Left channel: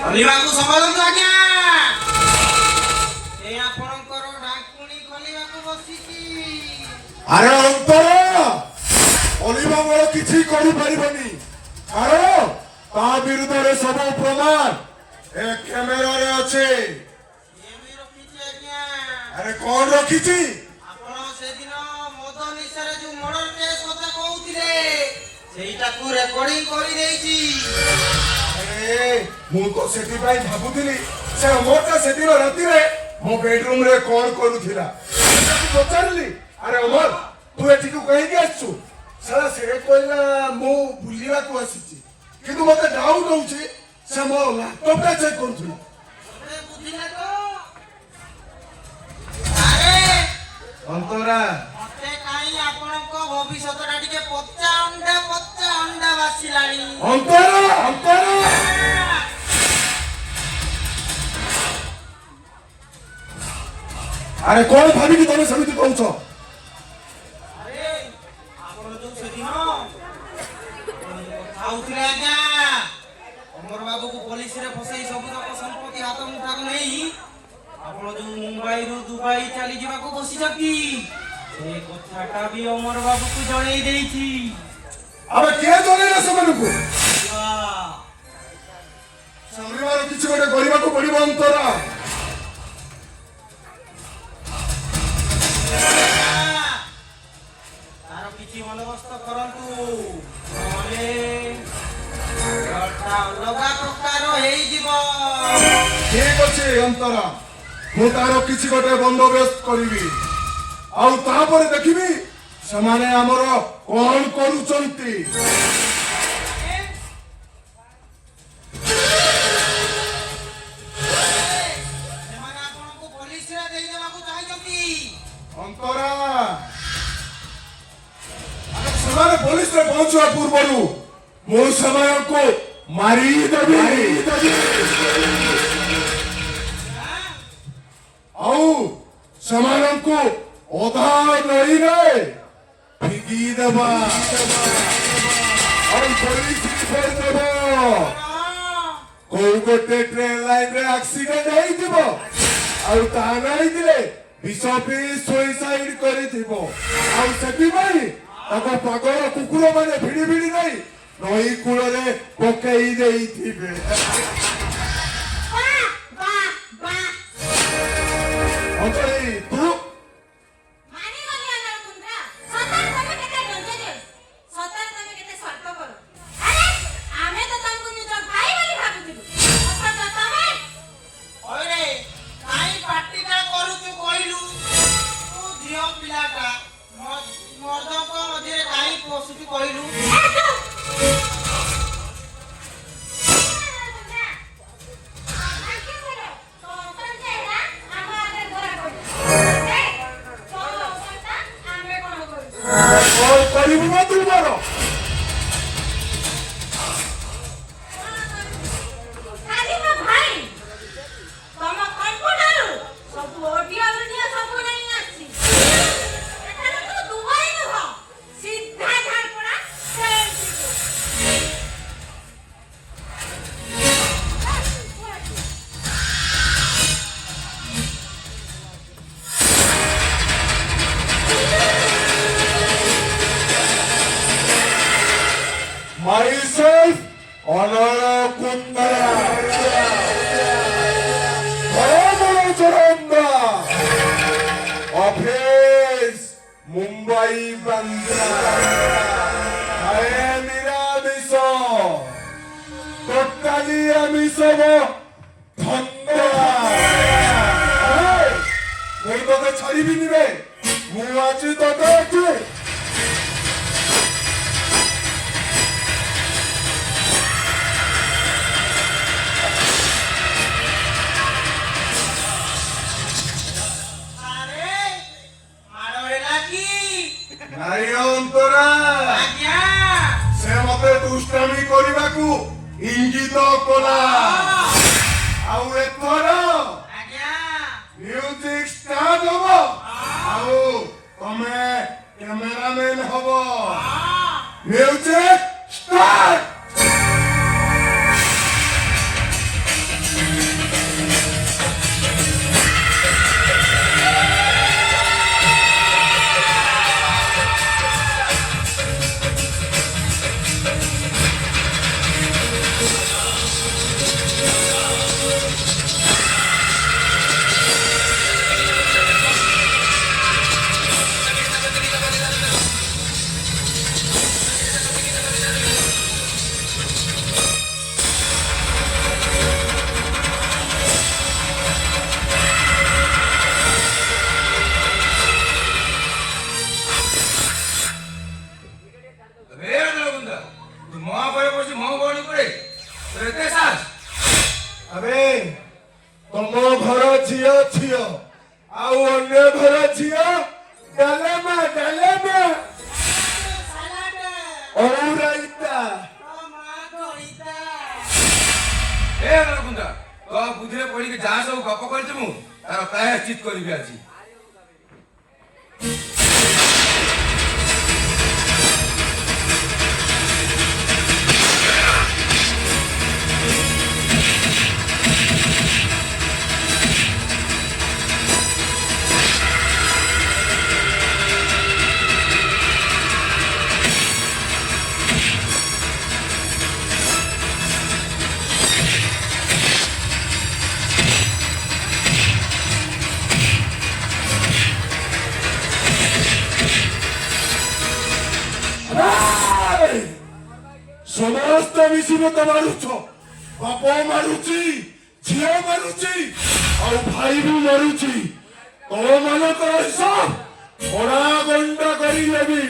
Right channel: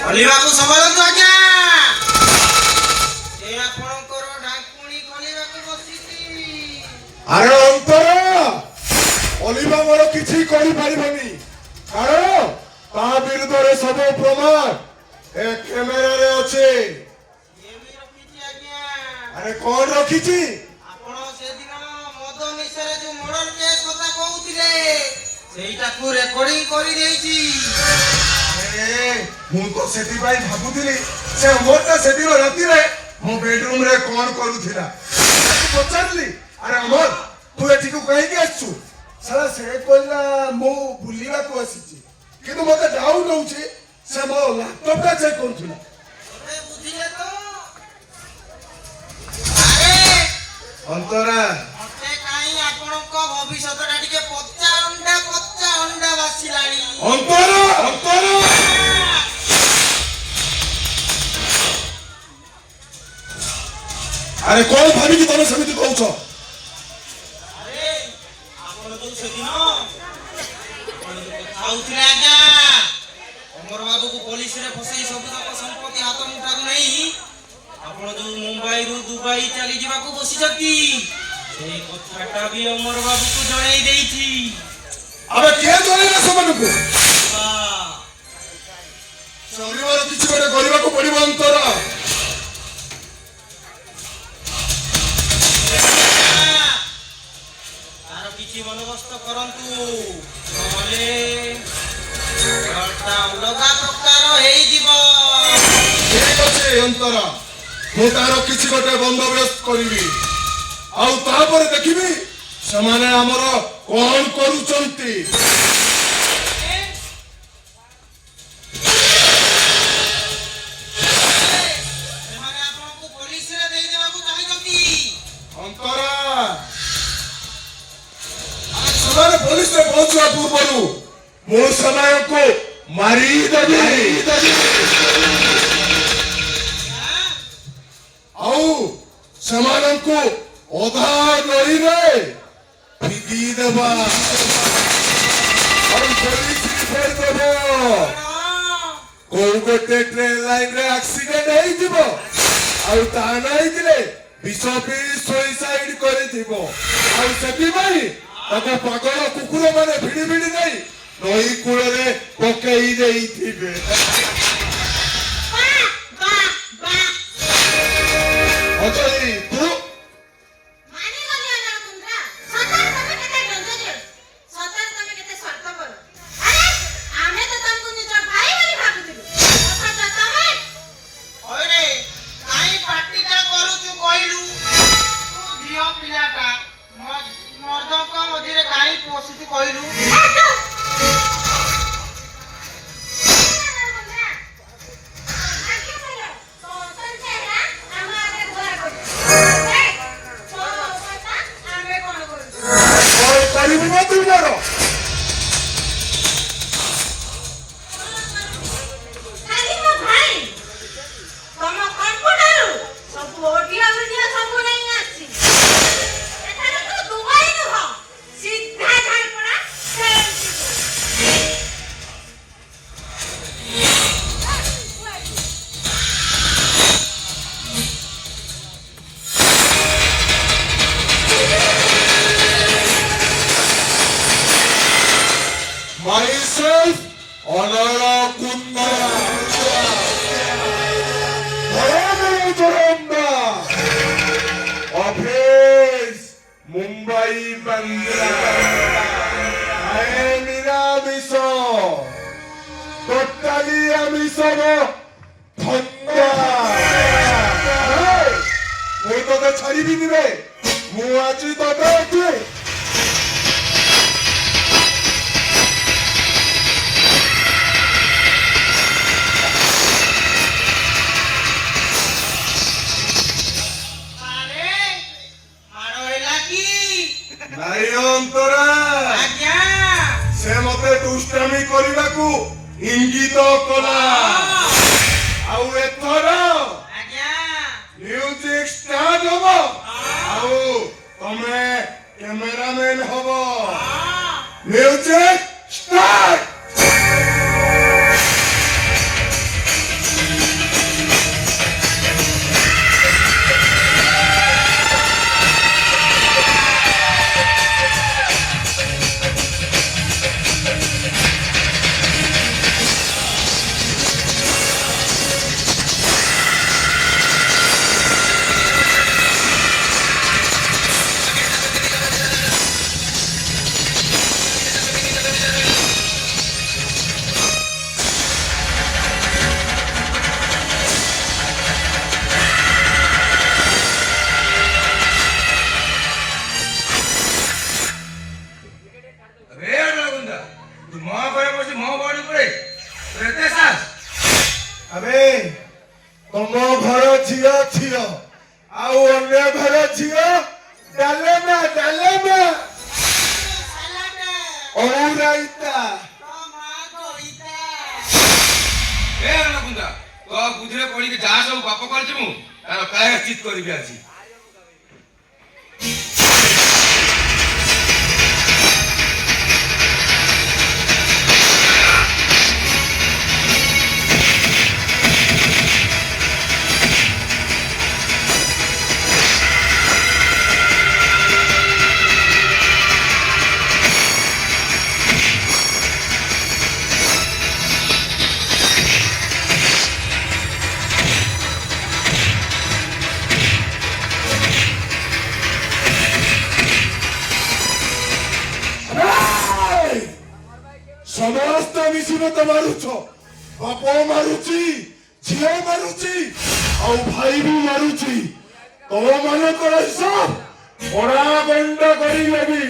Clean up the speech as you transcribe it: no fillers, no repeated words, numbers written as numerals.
ଖୋଲିବାକୁ ସମ୍ଭାଳନ୍ତୁ ଆଜ୍ଞା। ସେ ଆପଣଙ୍କର ଢାଙ୍କୁଣୀ ଖୋଲିବାକୁ ବସିଛି। ଆରେ ଅନ୍ତର ଅଲିଭା ମୋର କିଛି କରିପାରିବନି, କାରଣ ତା ବିରୁଦ୍ଧରେ ସବୁ ପ୍ରମାଣ ଏ କ୍ୟାମେରାରେ ଅଛି। ଆରେ କଣ ରଖିଛି? ଆପଣ ସେଦିନ ମଦ ନିଶାରେ ଯୋଉ ମର୍ଡର କେସ୍ କଥା କହୁଥିଲେ ସେଇଟାକୁ ରେକର୍ଡିଂ କରିଦେଇଛି। ମୁଁ ତ ସେଥିପାଇଁ ଭାବୁଥିଲି ସେ ଅମରଟା ସେଦିନ ରାତିରେ ମୋ ବେଡରୁମ ରେ କଣ କରୁଥିଲା। ପଚାରିଲି, ଆରେ ଅମର ତୁ ଏଠିକୁ କାହିଁକି ଆସିଛୁ? ସାରା ସେ କହିଲା ମୁଁ ବୁଲିବାକୁ ଆସିଛି, କିନ୍ତୁ ମତେ ଡାଉଟ ହଉଛି ସେ ମୋ ଲାପଟପଟା ଚେକ୍ କରୁଥିଲା। ବୁଝିଲେ ତ? ଅନ୍ତରା ମତେ କାହିଁ ଆପଣଙ୍କ ଭବିଷ୍ୟତଟା ଟିକେ ପଚା ଅଣ୍ଡା ବାସିଲାଣି। ଅନ୍ତରା ଅନ୍ତରା ଆରେ କଣ ଭାବିକି ତମେ ସେମିତି କହୁଛ? ଆରେ ଆପଣ ଯୋଉ ସେଦିନ କଥା ହଉଥିଲେ ଆଜ୍ଞା ଅମର ବାବୁକୁ ପୋଲିସରେ ଫସେଇ ସବୁତକ ସମ୍ପତ୍ତି ହାତ ମୁଠାକୁ ନେଇ ଆପଣ ଯୋଉ ମୁମ୍ବାଇରୁ ଦୁବାଇ ଚାଲିଯିବାକୁ ବସିଛନ୍ତି ସେ କଥାଟା ବି ଅମର ବାବୁକୁ ଜଣେଇ ଦେଇଛି। ଆବେ କିଏ ଜଣେଇଲା ସେମାନଙ୍କୁ? ସଂଗ୍ରାମର କିଛି ଗୋଟେ କରିବାକୁ ପଡିବ ଅନ୍ତରା। ତାର କିଛି ବନ୍ଦୋବସ୍ତ କରନ୍ତୁ, ନହେଲେ ଅଲଗା ପ୍ରକାର ହେଇଯିବ। ଠିକ ଅଛି ଅନ୍ତରା, ମୁଁ ତାର କିଛି ଗୋଟେ ବନ୍ଦୋବସ୍ତ କରିବି, ଆଉ ତାପରେ ଦେଖିବି ସେମାନେ ଆମର କଣ କରୁଛନ୍ତି। ସେମାନେ ଆପଣଙ୍କୁ ପୋଲିସରେ ଦେଇଦେବାକୁ ଚାହୁଁଛନ୍ତି। ଅନ୍ତରା ସେମାନେ ପୋଲିସରେ ପହଞ୍ଚିବା ପୂର୍ବରୁ ମୁଁ ସେମାନଙ୍କୁ ମାରିଦେବି, ଆଉ ସେମାନଙ୍କୁ ଅଧା ନଈରେ ଫିଙ୍ଗି ଦେବା, ଆଉ ପୋଲିସ ରିପୋର୍ଟ ଦେବ। କୋଉ ଗୋଟେ ଟ୍ରେନ ଲାଇନରେ ଆକ୍ସିଡେଣ୍ଟ ହେଇଯିବ, ଆଉ ତା ହେଇଥିଲେ ବିଷ ପିଇ ସୁଇସାଇଡ କରିଥିବ, ଆଉ ସେଥିପାଇଁ ତାଙ୍କ ପାଗଳ କୁକୁର ମାନେ ଭିଡି ଭିଡି ନେଇ ନଈ କୂଳରେ ପକେଇ ଦେଇଥିବେ। ଅଜୟ ତୁ କହିଲୁ କରିବୁ ନା ତୁ ମୋର? Myself, Honora Kundara. Jaramba. Office, Mumbai, Bandra. I am Miramiso. Totally Amisavo. Thanda. ମୁଁ ତତେ ଛାଡ଼ିବିନି ରେ, ମୁଁ ଆଜି ତତେ ଏଠି ନାଇଁ ଅନ୍ତରା, ସେ ମତେ ଦୁଷ୍ଟାମି କରିବାକୁ ଇଙ୍ଗିତ କଲା, ଆଉ ଏଥର ମ୍ୟୁଜିକ ଷ୍ଟାର୍ଟ ହବ, ଆଉ ତମେ କ୍ୟାମେରାମ୍ୟାନ ହବ। Music start. अबे तुम घर झियो झियो आउ अन्य घर झियो डालमा औराइता ए रघुंदा तो बुझरे पड़ी के जा सब गप करछि मु तार काहे चित करबी आजी समस्त मिसी मत मारुछ बाप मारुची झियो मारुची और भाई भी मारुची तो मान कर हिसाब बड़ा गंडा करी लेबी